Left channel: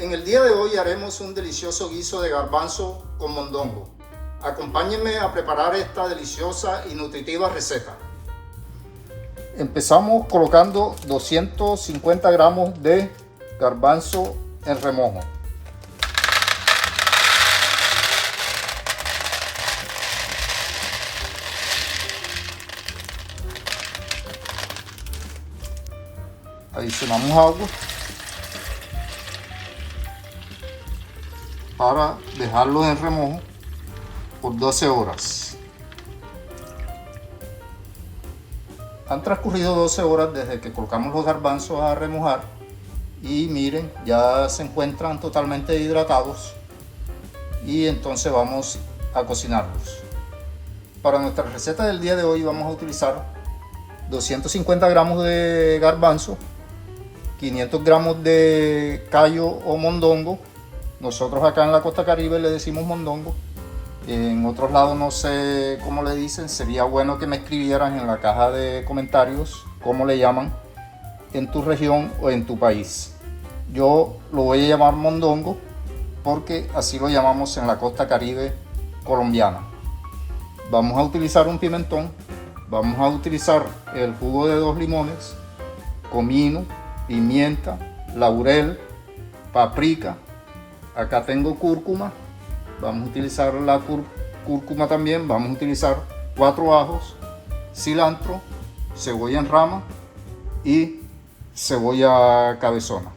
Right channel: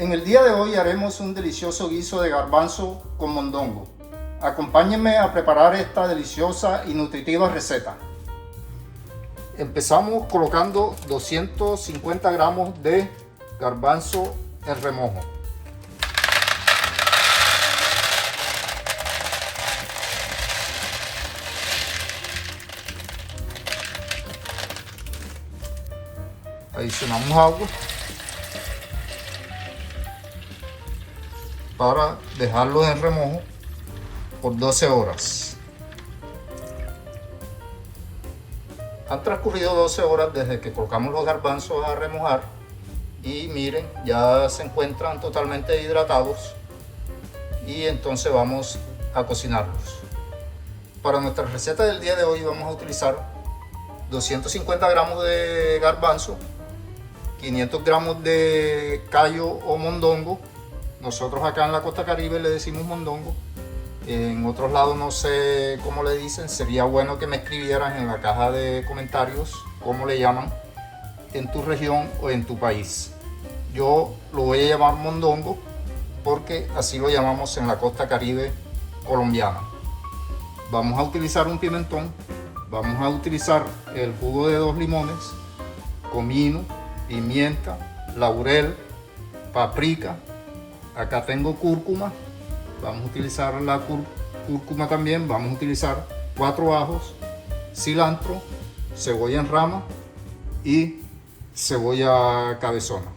En el día de hoy haremos un delicioso guiso de garbanzo con mondongo. Acompáñenme a preparar esta deliciosa y nutritiva receta. Empezamos colocando 250 gramos de garbanzo en remojo. Adicionamos agua para dejarlo en remojo por 12 horas. Han transcurrido 12 horas desde que colocamos los garbanzos a remojar y miren, ya se encuentran totalmente hidratados y entonces vamos a cocinarlos. Para nuestra receta del día de hoy vamos a utilizar 250 gramos de garbanzo, 500 gramos de callo o mondongo. Nosotros acá en la costa caribe le decimos mondongo. En otros lados no sé cómo le dicen. Sería bueno que me escribieran en la caja de comentarios cómo le llaman en tu región o en tu país. Yo lo voy a llamar mondongo porque así lo llamamos en la costa caribe colombiana. Vamos a utilizar un pimentón. Vamos a utilizar el jugo de 2 limones, comino, pimienta, laurel, paprika. Acá tengo cúrcuma. Vamos a utilizar la cúrcuma también. Vamos a utilizar 4 ajos, cilantro, cebolla en rama y cebolla cabezona.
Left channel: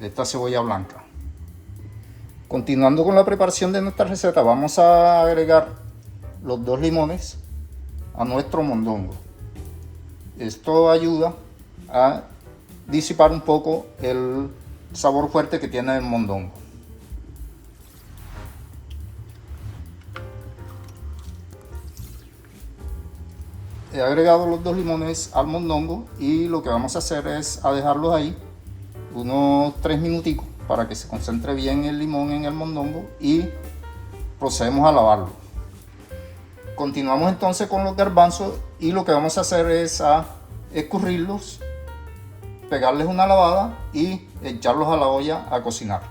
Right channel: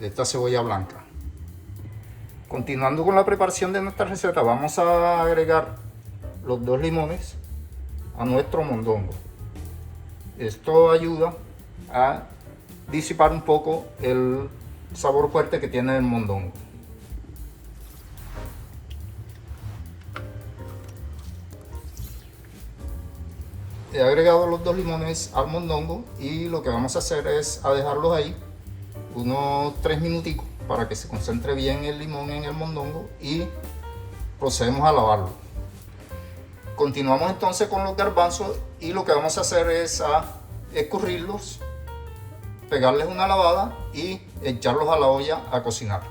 Esta cebolla blanca. Continuando con la preparación de nuestra receta, vamos a agregar los 2 limones a nuestro mondongo. Esto ayuda a disipar un poco el sabor fuerte que tiene el mondongo. He agregado los 2 limones al mondongo y lo que vamos a hacer es a dejarlos ahí unos 3 minuticos para que se concentre bien el limón en el mondongo y procedemos a lavarlo. Continuamos entonces con los garbanzos y lo que vamos a hacer es a escurrirlos, pegarles una lavada y echarlos a la olla a cocinar.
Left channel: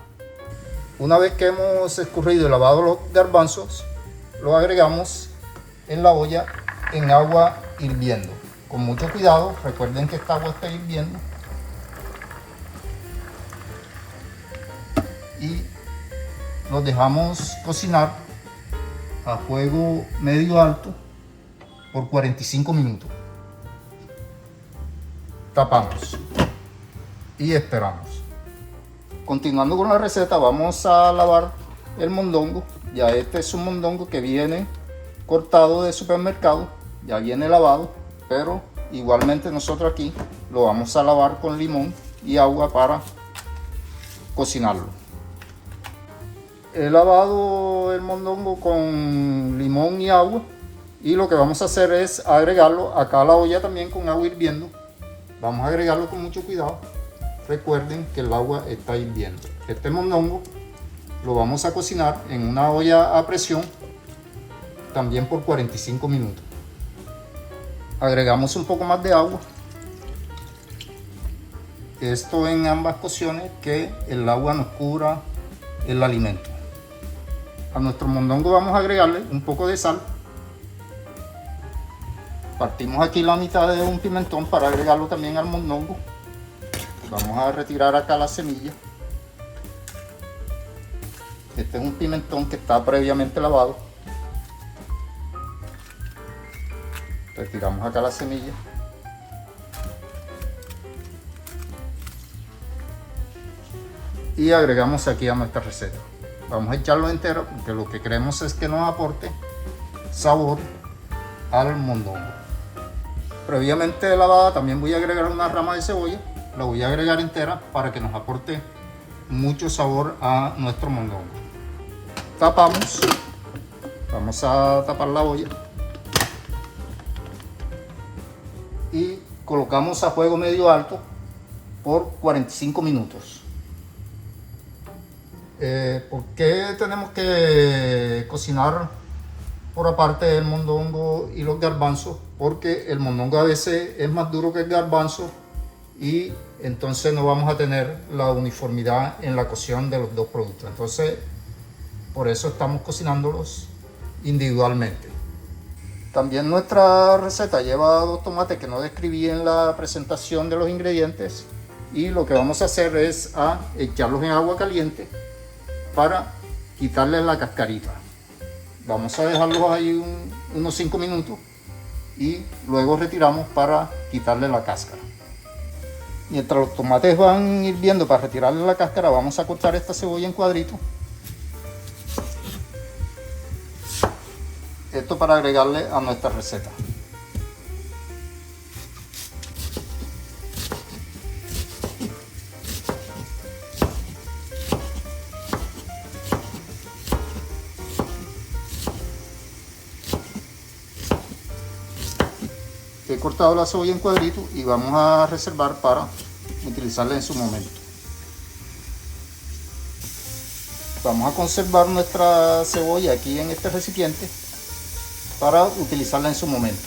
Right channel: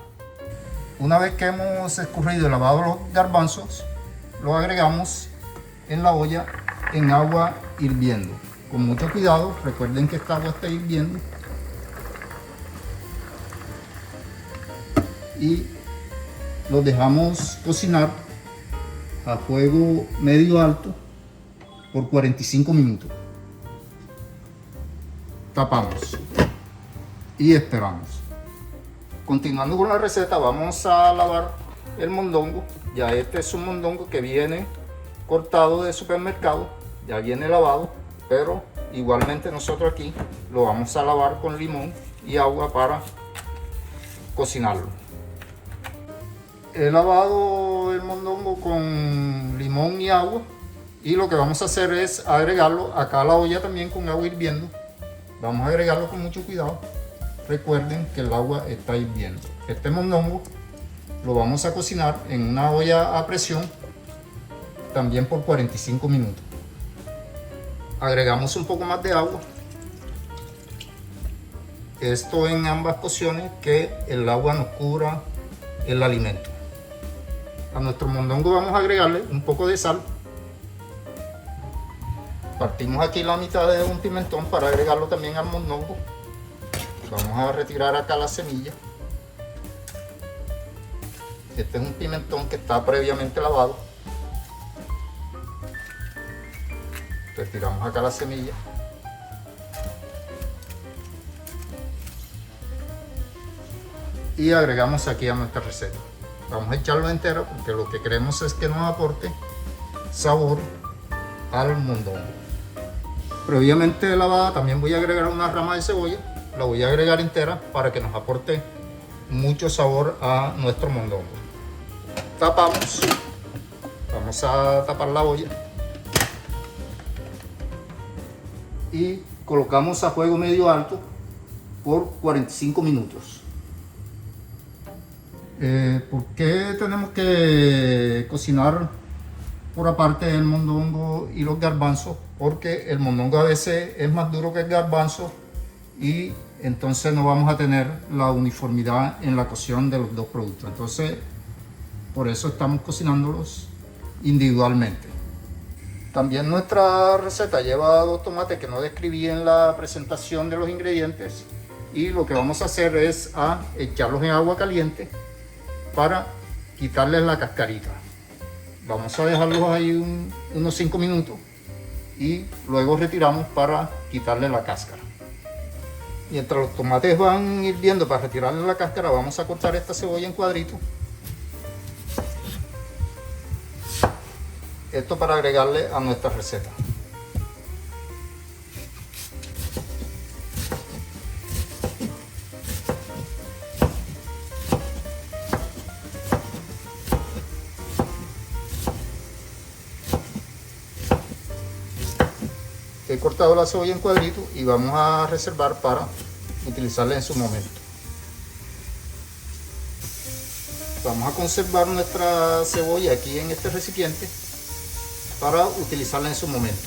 Una vez que hemos escurrido y lavado los garbanzos, los agregamos en la olla en agua hirviendo. Con mucho cuidado, recuerden que esta agua está hirviendo. Y los dejamos cocinar a fuego medio alto por 45 minutos. Tapamos y esperamos. Continuando con la receta, vamos a lavar el mondongo. Ya este es un mondongo que viene cortado de supermercado, ya viene lavado, pero igualmente nosotros aquí lo vamos a lavar con limón y agua para cocinarlo. He lavado el mondongo con limón y agua y lo que vamos a hacer es agregarlo acá a la olla también con agua hirviendo. Vamos a agregarlo con mucho cuidado. Recuerden que el agua está hirviendo. Este mondongo lo vamos a cocinar en una olla a presión también por 45 minutos. Agregamos un poco más de agua. Esto en ambas cocciones, que el agua nos cubra el alimento. A nuestro mondongo vamos a agregarle un poco de sal. Partimos aquí la mitad de un pimentón para agregarlo también al mondongo. Vamos a retirar acá la semilla. Este es un pimentón que está previamente lavado. Retiramos acá la semilla. Y agregamos aquí a nuestra receta. Vamos a echarlo entero porque lo que queremos es que nos aporte sabor al mondongo. Previamente lavada también voy a agregar una rama de cebolla. La voy a agregar entera para que nos aporte mucho sabor a nuestro mondongo. Tapamos. Vamos a tapar la olla. Y colocamos a fuego medio alto por 45 minutos. ¿Por qué tenemos que cocinar por aparte el mondongo y los garbanzos? Porque el mondongo a veces es más duro que el garbanzo y entonces no vamos a tener la uniformidad en la cocción de los dos productos. Entonces, por eso estamos cocinándolos individualmente. También nuestra receta lleva 2 tomates que no describí en la presentación de los ingredientes, y lo que vamos a hacer es echarlos en agua caliente para quitarles la cascarita. Vamos a dejarlos ahí unos 5 minutos y luego retiramos para quitarle la cáscara. Mientras los tomates van hirviendo, para retirarle la cáscara, vamos a cortar esta cebolla en cuadritos. Esto para agregarle a nuestra receta. He cortado la cebolla en cuadritos y vamos a reservar para utilizarla en su momento. Vamos a conservar nuestra cebolla aquí en este recipiente para utilizarla en su momento.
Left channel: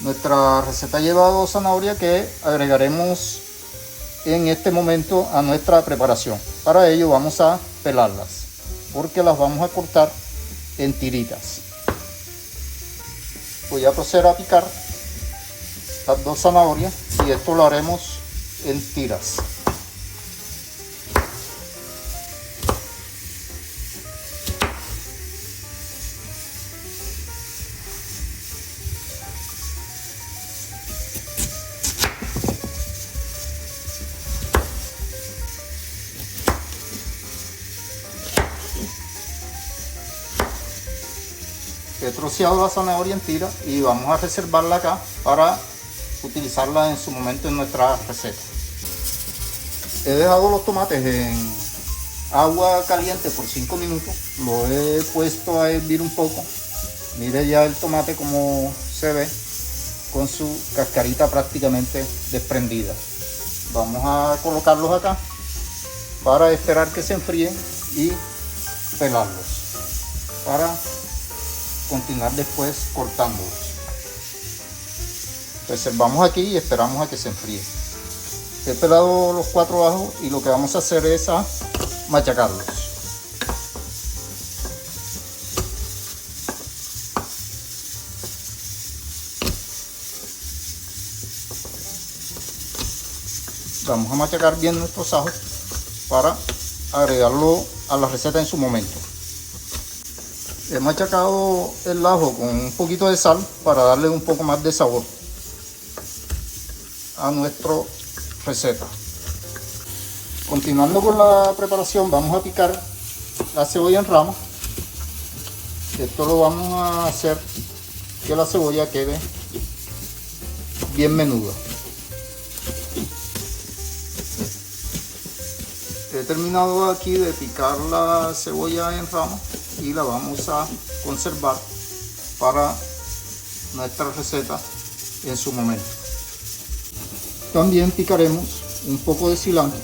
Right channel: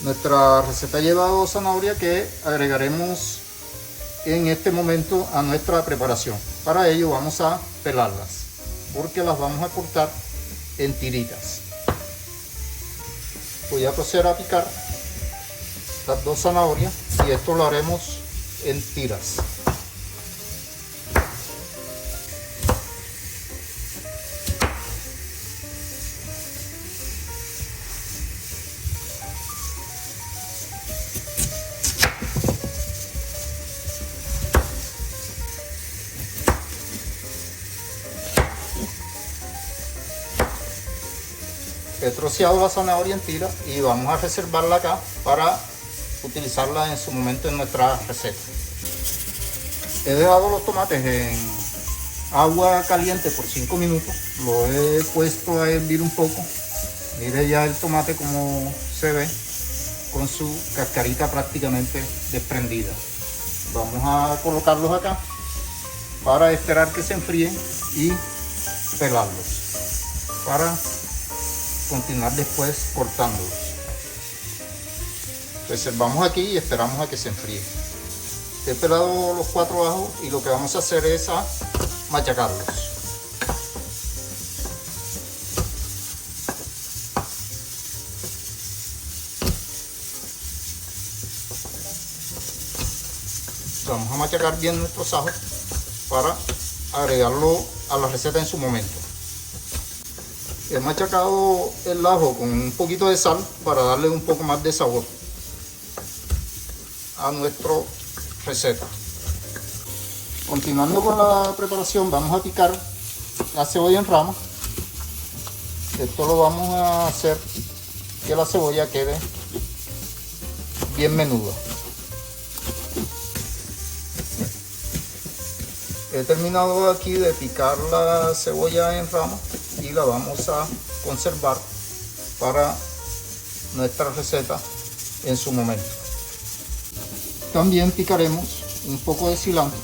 Nuestra receta lleva 2 zanahorias que agregaremos en este momento a nuestra preparación. Para ello vamos a pelarlas, porque las vamos a cortar en tiritas. Voy a proceder a picar las 2 zanahorias y esto lo haremos en tiras. He troceado la zanahoria en tiras y vamos a reservarla acá para utilizarla en su momento en nuestra receta. He dejado los tomates en agua caliente por 5 minutos. Lo he puesto a hervir un poco. Mire ya el tomate como se ve, con su cascarita prácticamente desprendida. Vamos a colocarlos acá para esperar que se enfríen y pelarlos, para continuar después cortándolos. Reservamos aquí y esperamos a que se enfríe. He pelado los 4 ajos y lo que vamos a hacer es machacarlos. Vamos a machacar bien nuestros ajos para agregarlo a la receta en su momento. He machacado el ajo con un poquito de sal para darle un poco más de sabor a nuestra receta. Continuando con la preparación, vamos a picar la cebolla en rama. Esto lo vamos a hacer que la cebolla quede bien menuda. He terminado aquí de picar la cebolla en rama y la vamos a conservar para nuestra receta en su momento. También picaremos un poco de cilantro.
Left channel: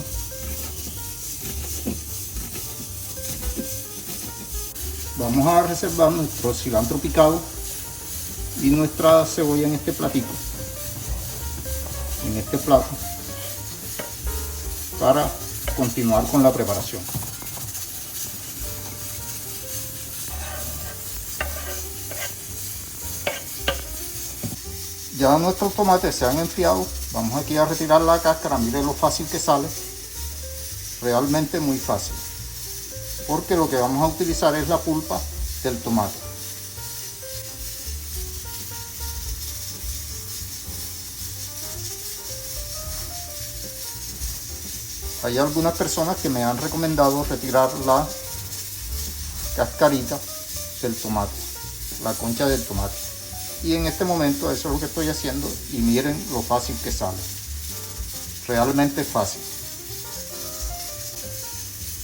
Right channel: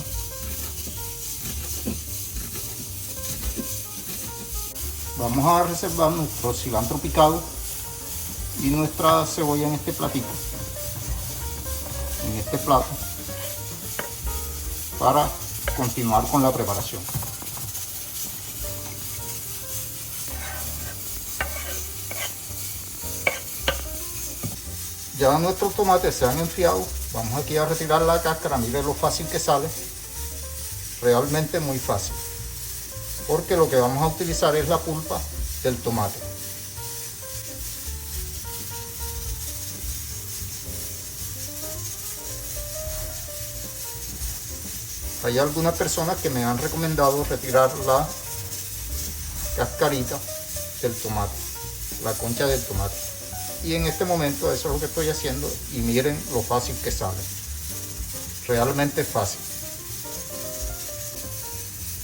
Vamos a reservar nuestro cilantro picado y nuestra cebolla en este platito, en este plato, para continuar con la preparación. Ya nuestros tomates se han enfriado. Vamos aquí a retirar la cáscara. Mire lo fácil que sale, realmente muy fácil, porque lo que vamos a utilizar es la pulpa del tomate. Hay algunas personas que me han recomendado retirar la cascarita del tomate, la concha del tomate. Y en este momento eso es lo que estoy haciendo y miren lo fácil que sale. Realmente fácil.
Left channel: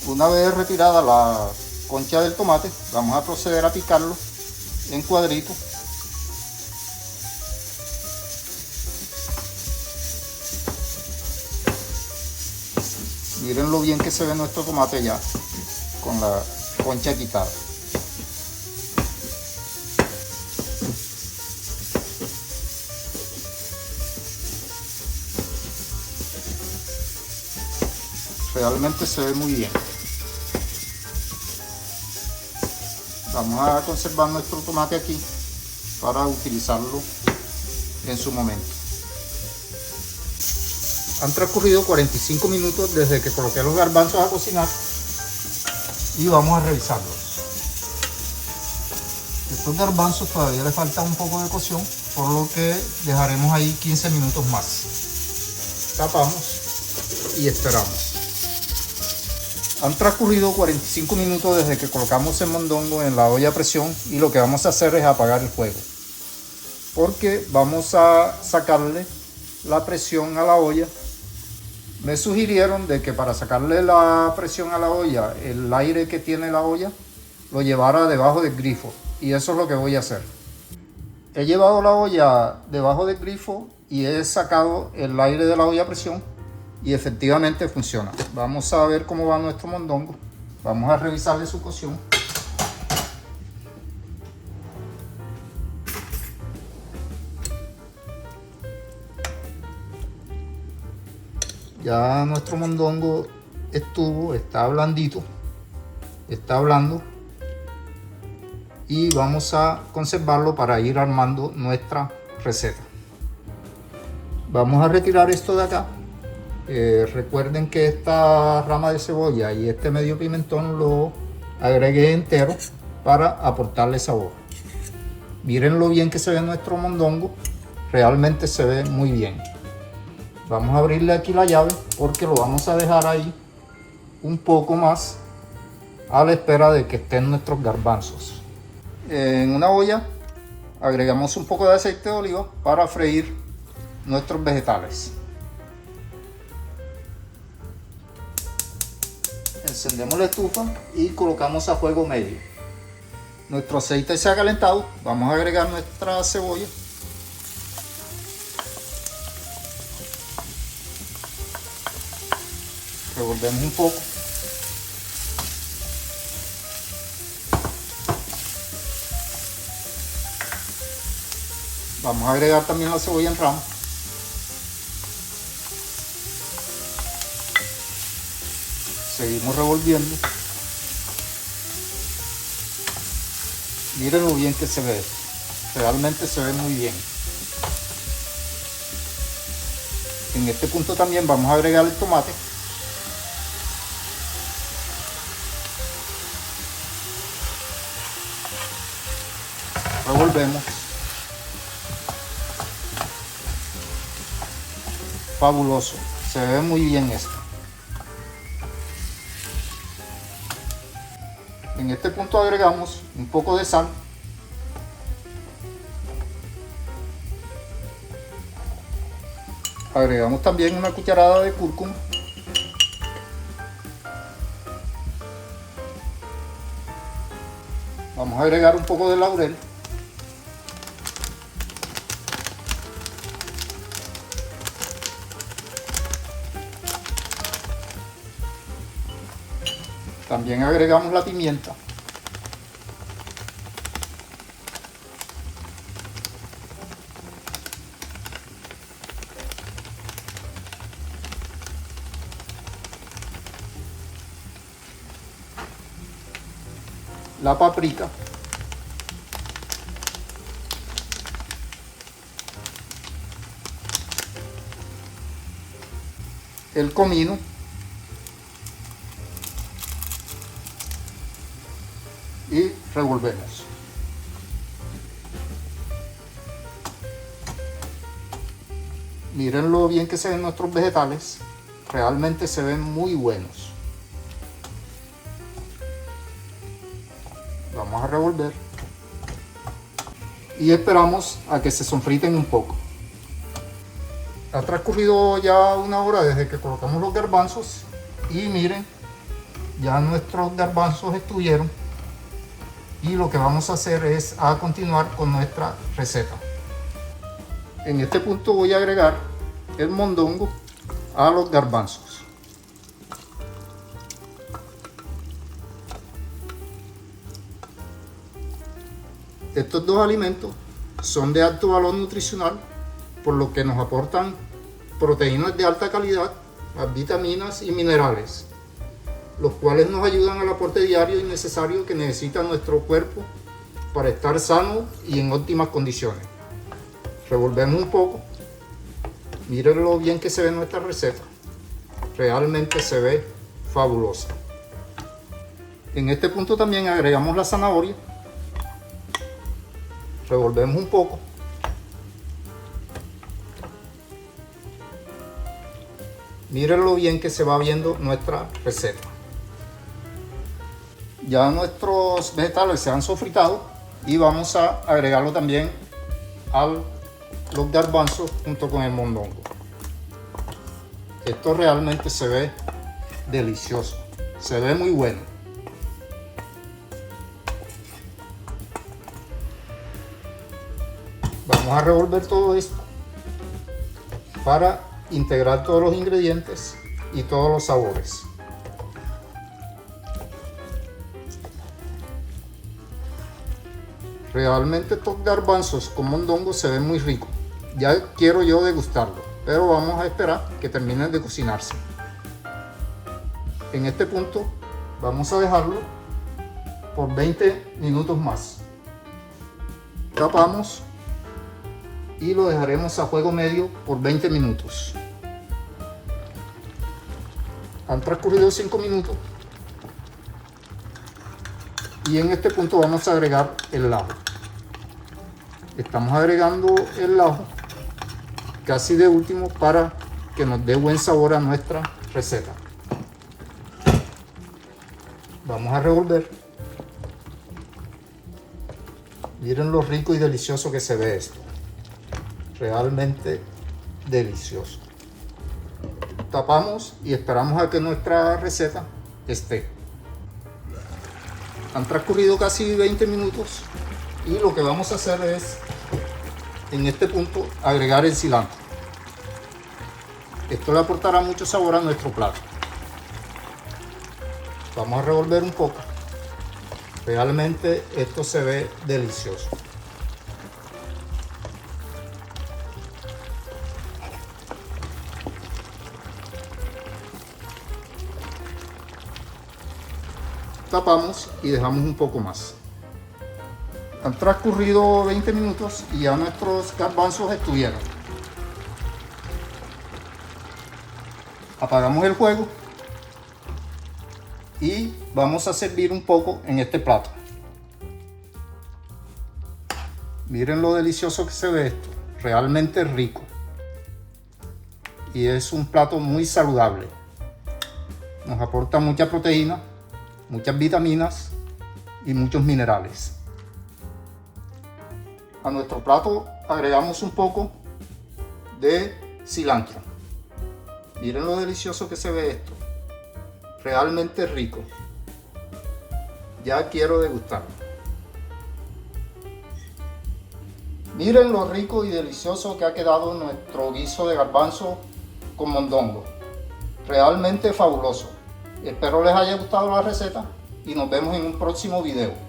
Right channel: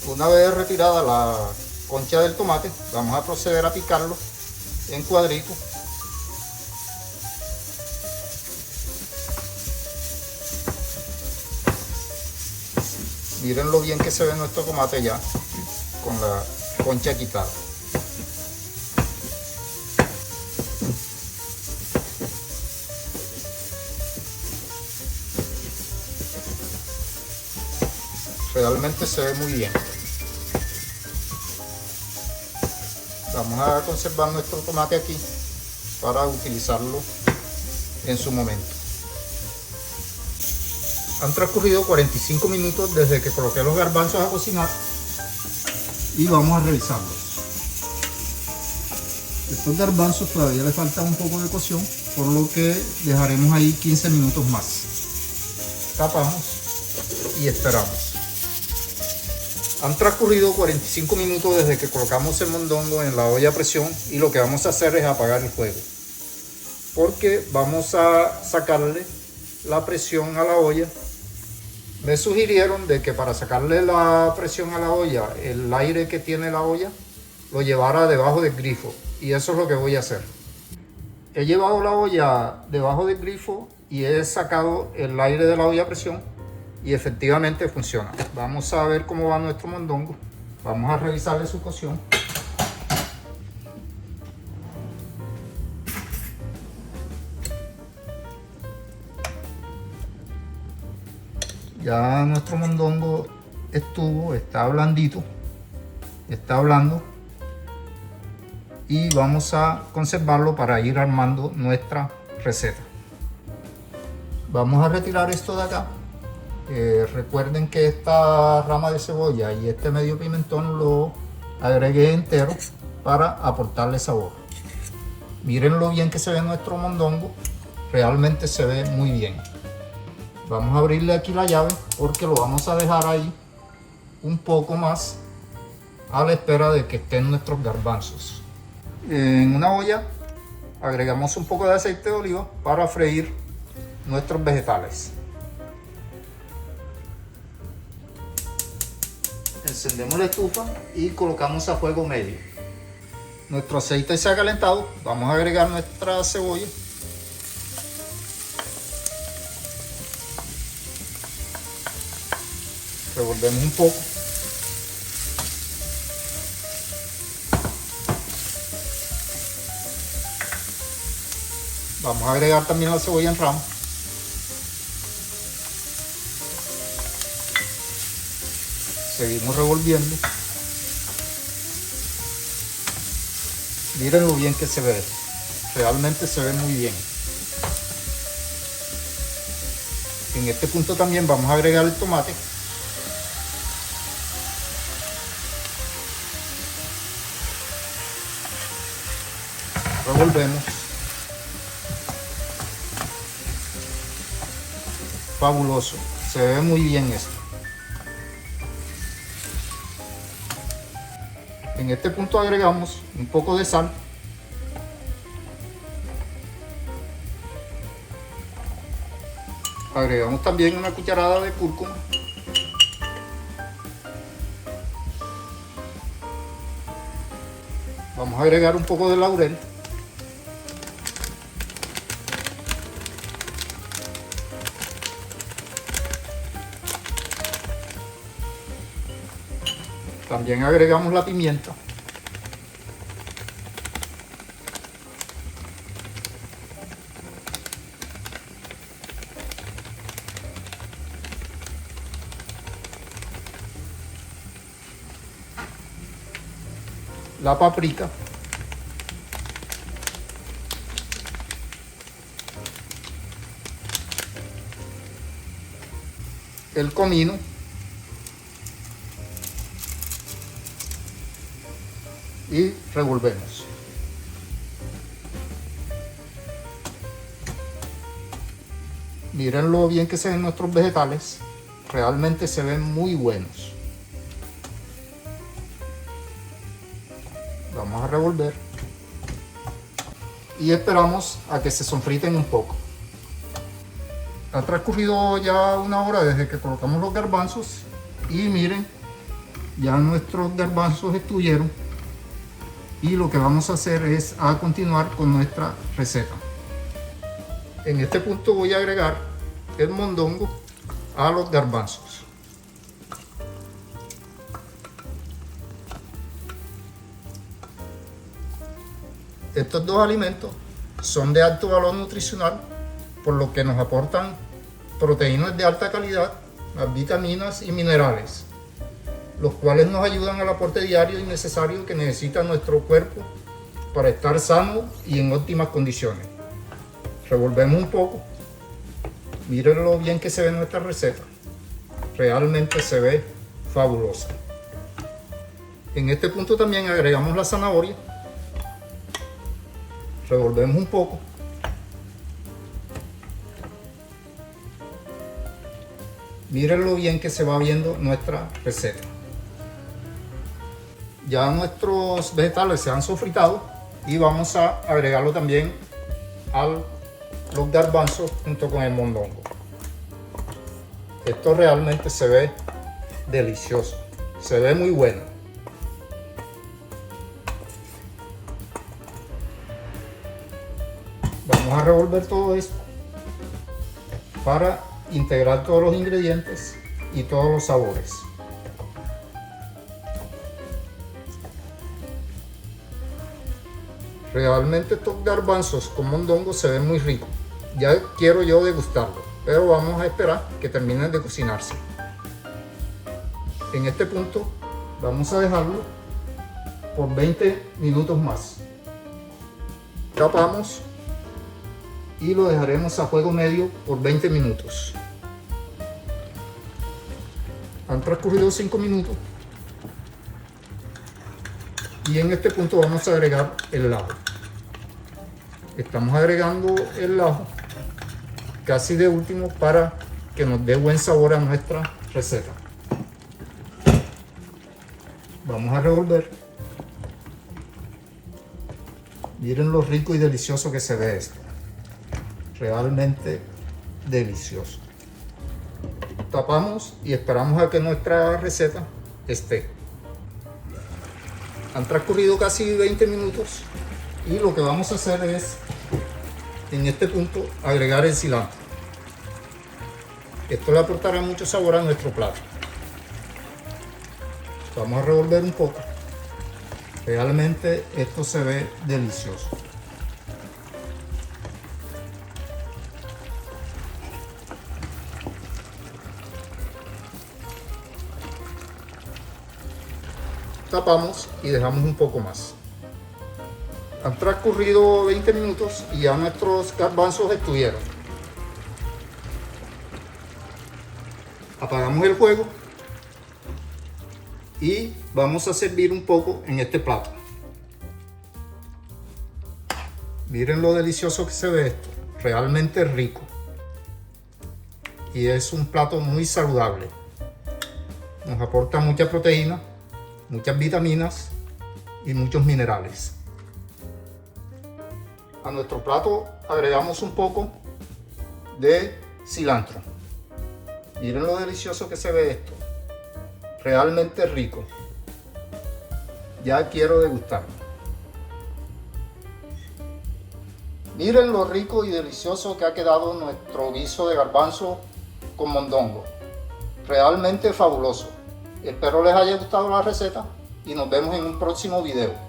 Una vez retirada la concha del tomate, vamos a proceder a picarlo en cuadritos. Miren lo bien que se ve nuestro tomate ya con la concha quitada. realmente se ve muy bien. Vamos a conservar nuestro tomate aquí para utilizarlo en su momento. Han transcurrido 45 minutos desde que coloqué los garbanzos a cocinar y vamos a revisarlos. Estos garbanzos todavía les falta un poco de cocción, por lo que dejaremos ahí 15 minutos más. Tapamos y esperamos. Han transcurrido 45 minutos desde que colocamos el mondongo en la olla a presión y lo que vamos a hacer es apagar el fuego, porque vamos a sacarle la presión a la olla. Me sugirieron de que para sacarle la presión a la olla, el aire que tiene la olla lo llevara debajo del grifo, y eso es lo que voy a hacer. He llevado la olla debajo del grifo y he sacado el aire de la olla a presión y efectivamente funciona. Vamos a ver cómo va nuestro mondongo. Vamos a revisarle su cocción. Ya nuestro mondongo está blandito, está blando, y vamos a conservarlo para ir armando nuestra receta. Vamos a retirar esto de acá. Recuerden que esta rama de cebolla y este medio pimentón lo agregué entero para aportarle sabor. Miren lo bien que se ve nuestro mondongo, realmente se ve muy bien. Vamos a abrirle aquí la llave porque lo vamos a dejar ahí un poco más a la espera de que estén nuestros garbanzos. En una olla agregamos un poco de aceite de oliva para freír nuestros vegetales. Encendemos la estufa y colocamos a fuego medio. Nuestro aceite se ha calentado, vamos a agregar nuestra cebolla. Revolvemos un poco. Vamos a agregar también la cebolla en rama. Seguimos revolviendo. Miren lo bien que se ve. Realmente se ve muy bien. En este punto también vamos a agregar el tomate. Revolvemos. Fabuloso, se ve muy bien esto. En este punto agregamos un poco de sal. Agregamos también una cucharada de cúrcuma. Vamos a agregar un poco de laurel. También agregamos la pimienta. La paprika. El comino. Y revolvemos. Miren lo bien que se ven nuestros vegetales, realmente se ven muy buenos. Vamos a revolver y esperamos a que se sofriten un poco. Ha transcurrido ya una hora desde que colocamos los garbanzos y miren, ya nuestros garbanzos estuvieron. Y lo que vamos a hacer es a continuar con nuestra receta. En este punto voy a agregar el mondongo a los garbanzos. Estos dos alimentos son de alto valor nutricional, por lo que nos aportan proteínas de alta calidad, las vitaminas y minerales. los cuales nos ayudan al aporte diario y necesario que necesita nuestro cuerpo para estar sano y en óptimas condiciones. Revolvemos un poco. Miren lo bien que se ve nuestra receta. Realmente se ve fabulosa. En este punto también agregamos la zanahoria. Revolvemos un poco. Miren lo bien que se va viendo nuestra receta. Ya nuestros vegetales se han sofritado y vamos a agregarlo también a los garbanzos junto con el mondongo. Esto realmente se ve delicioso, se ve muy bueno. Vamos a revolver todo esto para integrar todos los ingredientes y todos los sabores. Realmente estos garbanzos con mondongo se ven muy ricos. Ya quiero yo degustarlo, pero vamos a esperar que terminen de cocinarse. En este punto vamos a dejarlo por 20 minutos más. Tapamos y lo dejaremos a fuego medio por 20 minutos. Han transcurrido 5 minutos y en este punto vamos a agregar el ajo. Estamos agregando el ajo casi de último para que nos dé buen sabor a nuestra receta. Vamos a revolver. Miren lo rico y delicioso que se ve esto. Realmente delicioso. Tapamos y esperamos a que nuestra receta esté. Han transcurrido casi 20 minutos y lo que vamos a hacer es, en este punto, agregar el cilantro. Esto le aportará mucho sabor a nuestro plato. Vamos a revolver un poco. Realmente esto se ve delicioso. Tapamos y dejamos un poco más. Han transcurrido 20 minutos y ya nuestros garbanzos estuvieron. Apagamos el fuego y vamos a servir un poco en este plato. Miren lo delicioso que se ve esto, realmente rico. Y es un plato muy saludable. Nos aporta mucha proteína, muchas vitaminas y muchos minerales. A nuestro plato agregamos un poco de cilantro. Miren lo delicioso que se ve esto. Realmente rico. Ya quiero degustarlo. Miren lo rico y delicioso que ha quedado nuestro guiso de garbanzo con mondongo. Realmente fabuloso. Espero les haya gustado la receta y nos vemos en un próximo video.